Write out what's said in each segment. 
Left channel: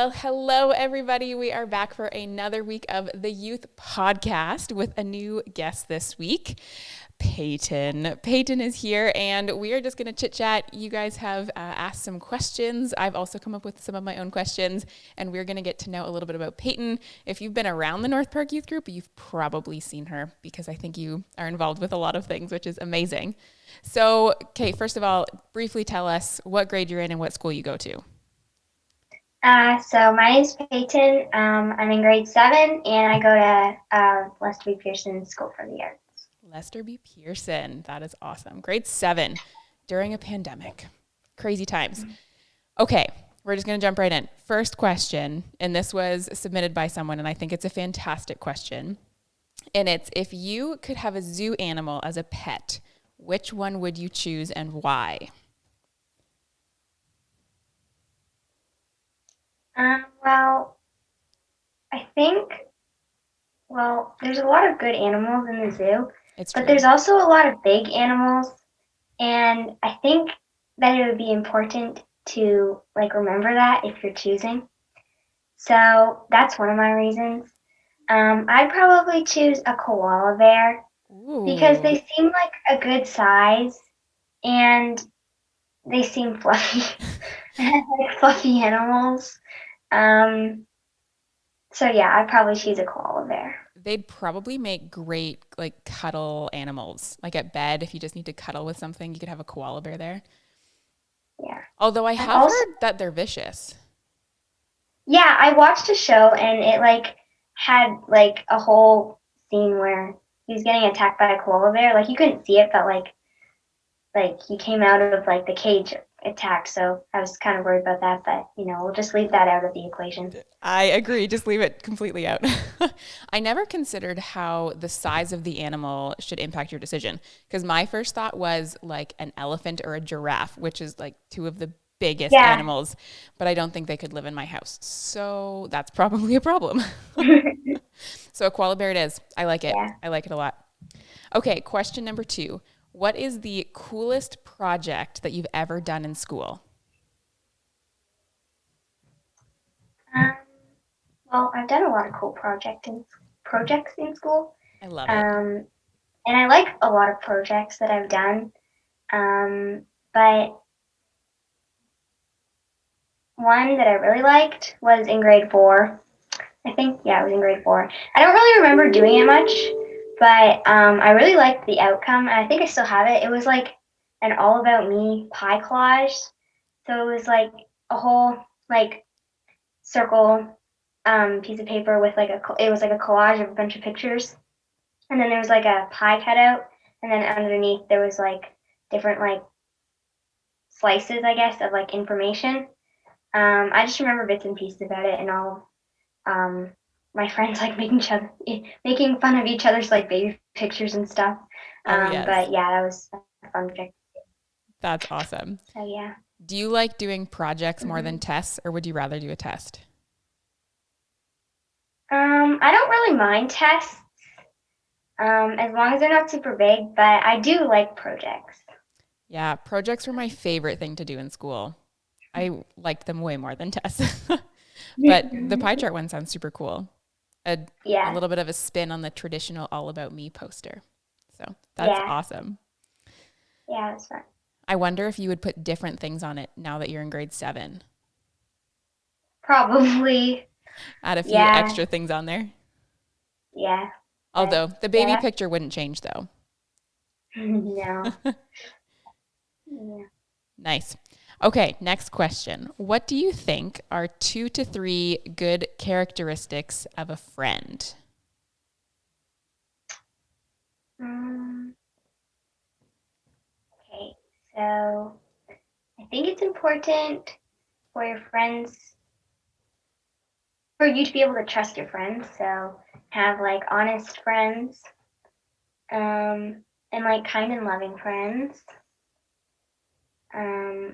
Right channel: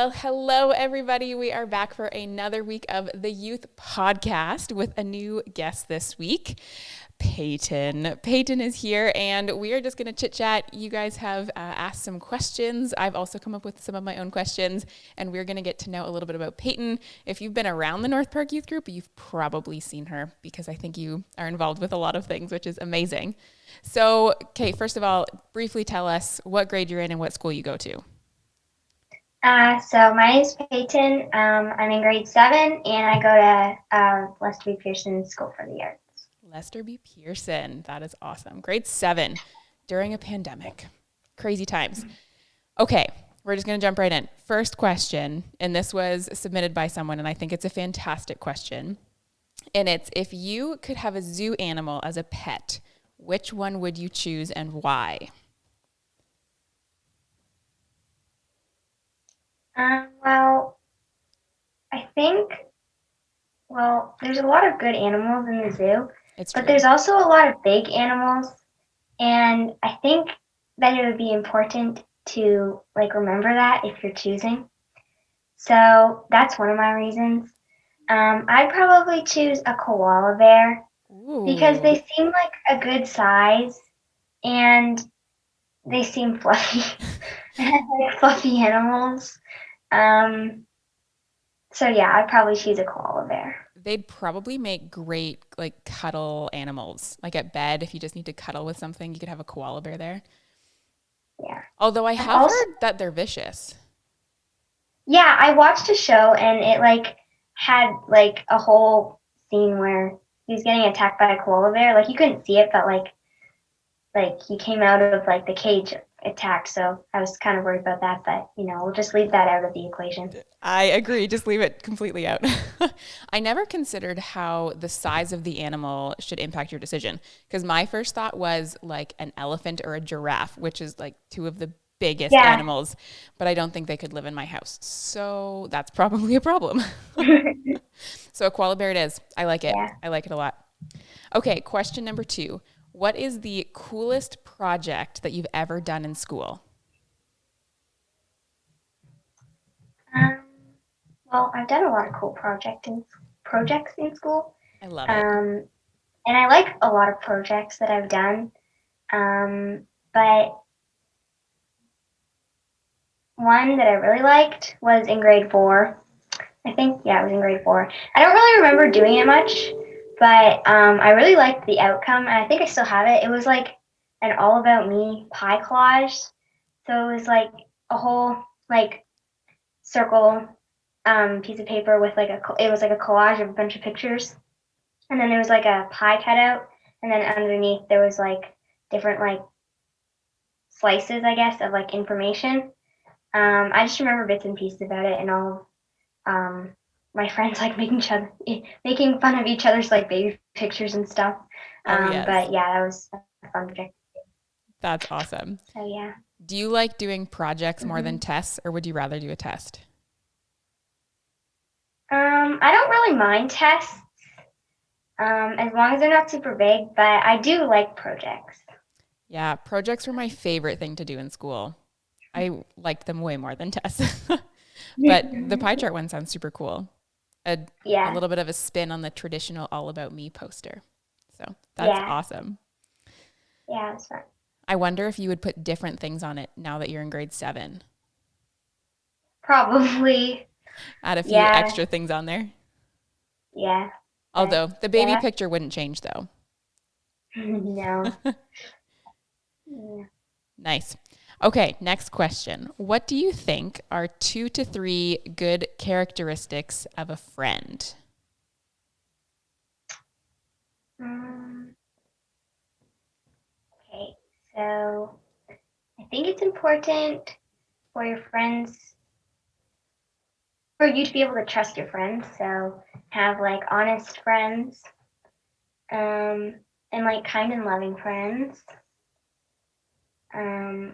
Well, hello, everybody. We are back for another week of the Youth Podcast with a new guest this week, Peyton. Peyton is here, and we are just going to chit chat. You guys have asked some questions. I've also come up with some of my own questions, and we're going to get to know a little bit about Peyton. If you've been around the North Park Youth Group, you've probably seen her because I think you are involved with a lot of things, which is amazing. So, okay, first of all, briefly tell us what grade you're in and what school you go to. So my name is Peyton. I'm in grade 7, and I go to Lester B. Pearson School for the Arts. Lester B. Pearson. That is awesome. Grade 7 during a pandemic. Crazy times. Okay, we're just going to jump right in. First question, and this was submitted by someone, and I think it's a fantastic question. And it's, if you could have a zoo animal as a pet, which one would you choose and why? Well, I think, there's a lot of good animals in the zoo, It's but true. there's also a lot of big animals, and I think that it would be important to remember that if you're choosing. So that's one of my reasons. I'd probably choose a koala bear because Ooh, they seem like a good size and they seem fluffy, like fluffy animals. Um, so yeah, I'd probably choose a koala bear. they'd probably make great like cuddle animals. Like at bed, if you just need to cuddle with something, you could have a koala bear there. Yeah. Although I I've have also, heard that they're vicious. yeah, I watched a show and it had a whole scene where he was getting attacked by a koala bear. Like you couldn't see it, but he came out of the cage attack. So I was kind of worried about that, but we'll just leave that out of the equation. I agree. Just leave it completely out. I never considered how the size of the animal should impact your decision because my first thought was like an elephant or a giraffe, which is like two of the biggest Yeah. animals, but I don't think they could live in my house. So that's probably a problem. So a koala bear it is. I like it. Yeah. I like it a lot. Okay, question number 2. What is the coolest project that you've ever done in school? Um, I've done a lot of cool projects in school, I love it. um, and I like a lot of projects that I've done. But one that I really liked was in grade 4. I think, yeah, it was in grade 4. I don't really remember doing it much, but I really liked the outcome, and I think I still have it. It was like an all about me pie collage. So it was like a whole circle piece of paper with it was like a collage of a bunch of pictures, and then there was like a pie cutout, and then underneath there was different slices, I guess, of information. I just remember bits and pieces about it, and all my friends making fun of each other's baby pictures and stuff. Oh, yes. But yeah, that was a fun project. That's awesome. So yeah, Do you like doing projects more than hmm tests, or would you rather do a test? I don't really mind tests as long as they're not super big, but I do like projects. Yeah, projects were my favorite thing to do in school. I liked them way more than tests. But the pie chart one sounds super cool. A, a Yeah, little bit of a spin on the traditional All About Me poster. So that's yeah, awesome. yeah, it's fun. I wonder if you would put different things on it now that you're in grade 7. Probably, Add a few yeah, extra things on there. yeah, but Although the baby yeah, picture wouldn't change though. no, yeah. Nice. Okay, next question. What do you think are 2 to 3 good characteristics of a friend? Um, okay, so I think it's important for your friends for you to be able to trust your friends. So have honest friends, um, and kind and loving friends.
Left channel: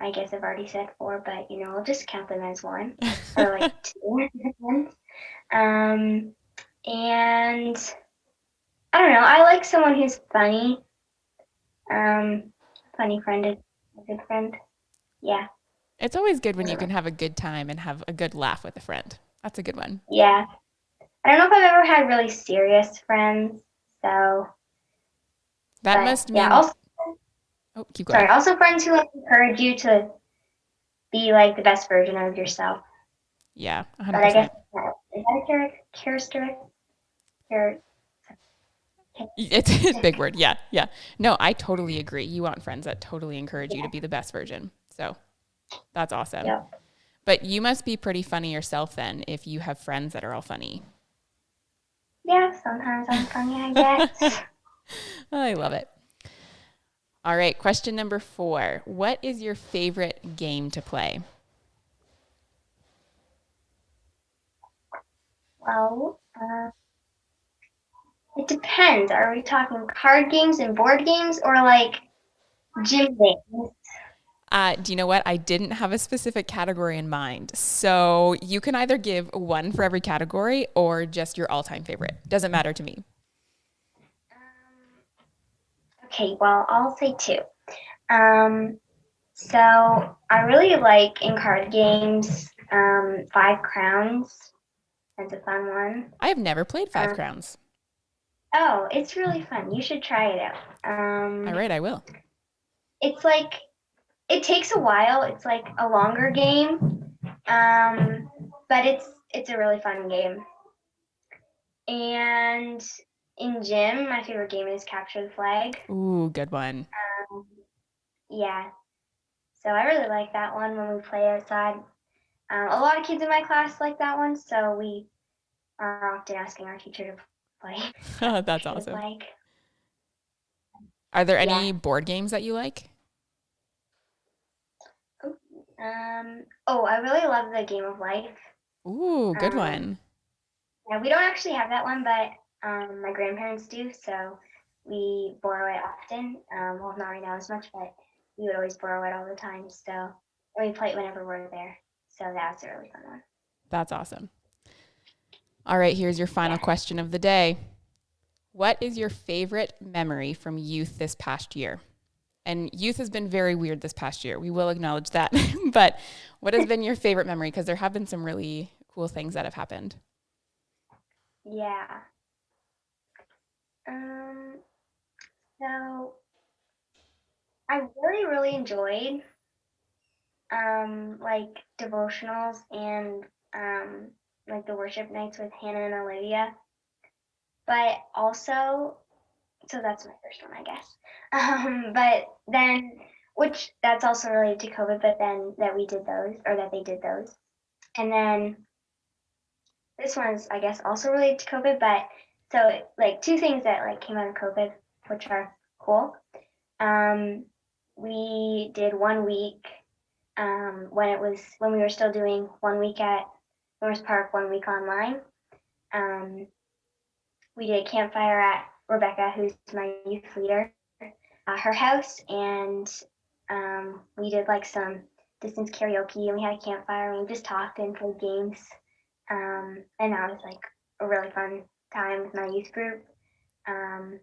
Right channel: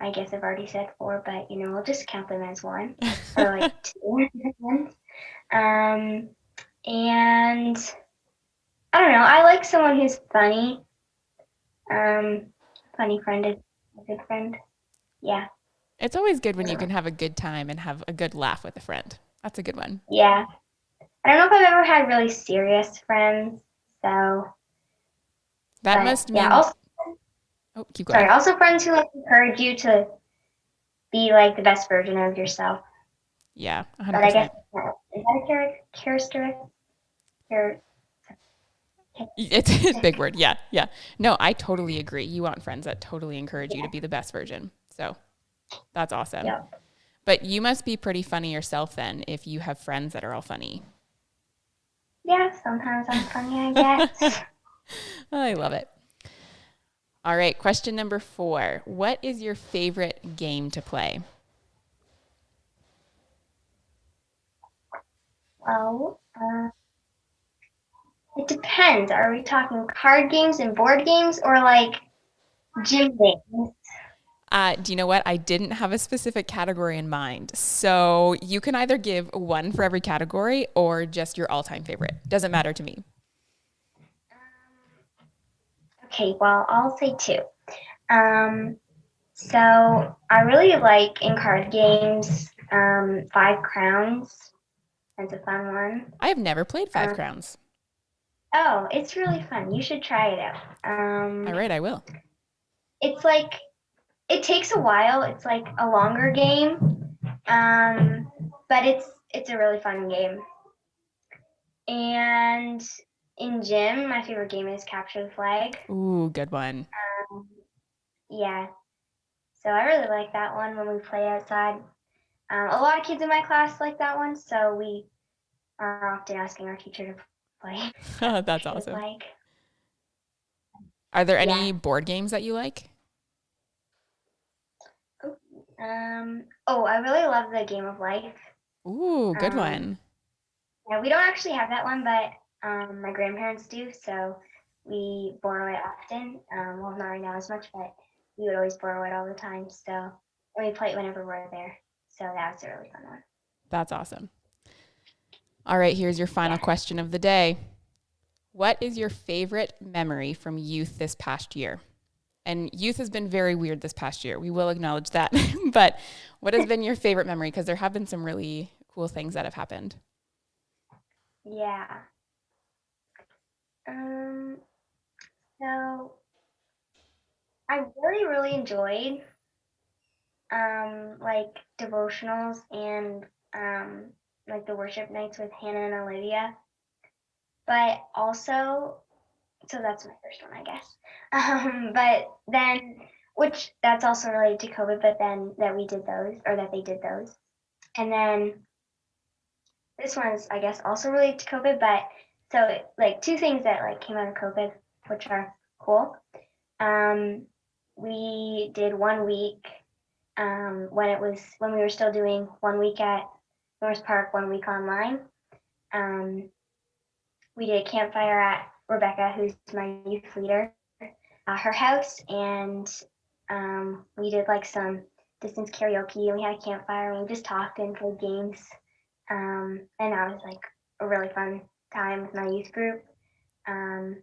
I guess I've already said 4, but we'll just count them as one or 2 friends. Um, and I don't know. I like someone who's funny. Um, funny friend is a good friend. Yeah. It's always good when you can have a good time and have a good laugh with a friend. That's a good one. Yeah. I don't know if I've ever had really serious friends, so, That but must yeah. mean, Also, oh, keep sorry. going. Also, friends who like encourage you to be like the best version of yourself. Yeah, But I 100%. guess is that a characteristic? Char- It's a big word. Yeah, yeah. No, I totally agree. You want friends that totally encourage you to Yeah. be the best version. So that's awesome. Yep. But you must be pretty funny yourself then if you have friends that are all funny. Yeah. Sometimes I'm funny, I guess. I love it. All right, question number 4. What is your favorite game to play? Well, it depends. Are we talking card games and board games, or like gym games? Do you know what? I didn't have a specific category in mind. So you can either give one for every category or just your all time favorite. Doesn't matter to me. Okay. Well, I'll say two. Um, so I really like in card games, Five Crowns. That's a fun one. I have never played Five Um, Crowns. oh, it's really fun. You should try it out. All right, I will. It's like it takes a while. It's like a longer game, um, but it's a really fun game. And in gym, my favorite game is Capture the Flag. Ooh, good one. Um, yeah, so I really like that one when we play outside. A lot of kids in my class like that one, so we are often asking our teacher to play That's Capture the awesome. Flag. Are there Yeah. any board games that you like? Oh, I really love the Game of Life. Ooh, good Um, one. yeah, we don't actually have that one, but my grandparents do, so we borrow it often. Well, not right now as much, but we would always borrow it all the time. So we play it whenever we're there. So that's a really fun one. That's awesome. All right, here's your final Yeah. question of the day. What is your favorite memory from youth this past year? And youth has been very weird this past year. We will acknowledge that. But what has been your favorite memory? Because there have been some really cool things that have happened. Yeah. Um, so I really enjoyed like devotionals and like the worship nights with Hannah and Olivia. But also, so that's my first one, I guess. But then, which that's also related to COVID, but then that we did those, or that they did those. And then this one's, I guess, also related to COVID, but so like two things that like came out of COVID, which are cool. Um, we did 1 week when we were still doing 1 week at North Park, 1 week online. Um, we did a campfire at Rebecca, who's my youth leader, her house, and we did like some distance karaoke, and we had a campfire, and we just talked and played games, and that was like a really fun time with my youth group. Um,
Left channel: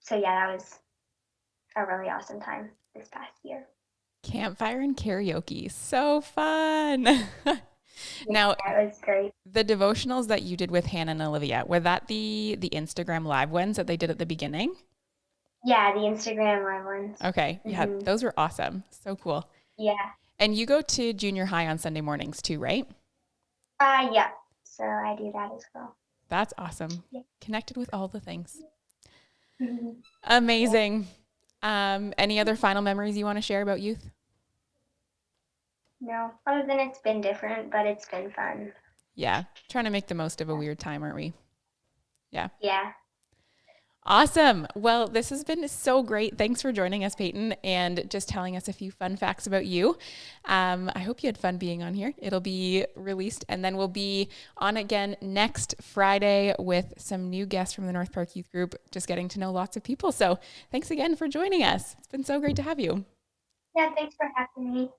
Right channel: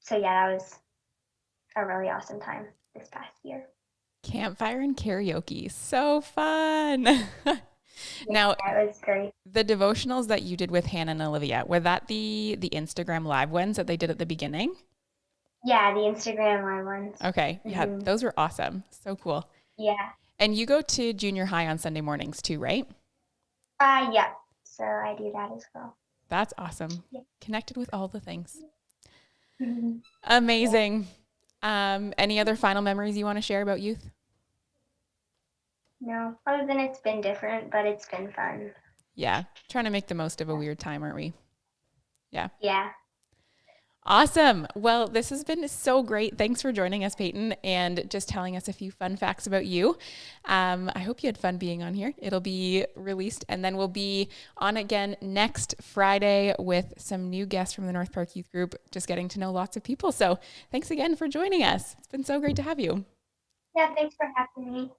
so yeah, that was a really awesome time this past year. Campfire and karaoke. So fun. Now, Yeah, it was great. the devotionals that you did with Hannah and Olivia, were that the Instagram live ones that they did at the beginning? Yeah, the Instagram live ones. Okay. Yeah, Hmm. those were awesome. So cool. Yeah. And you go to junior high on Sunday mornings too, right? Yeah. So I do that as well. That's awesome. Yeah. Connected with all the things. Mhm. Yeah. Amazing. Any other final memories you want to share about youth? No, other than it's been different, but it's been fun. Yeah. Trying to make the most of a weird time, aren't we? Yeah. Yeah. Awesome. Well, this has been so great. Thanks for joining us, Peyton, and just telling us a few fun facts about you. I hope you had fun being on here. It'll be released, and then we'll be on again next Friday with some new guests from the North Park Youth Group, just getting to know lots of people. So thanks again for joining us. It's been so great to have you. Yeah, thanks for having me.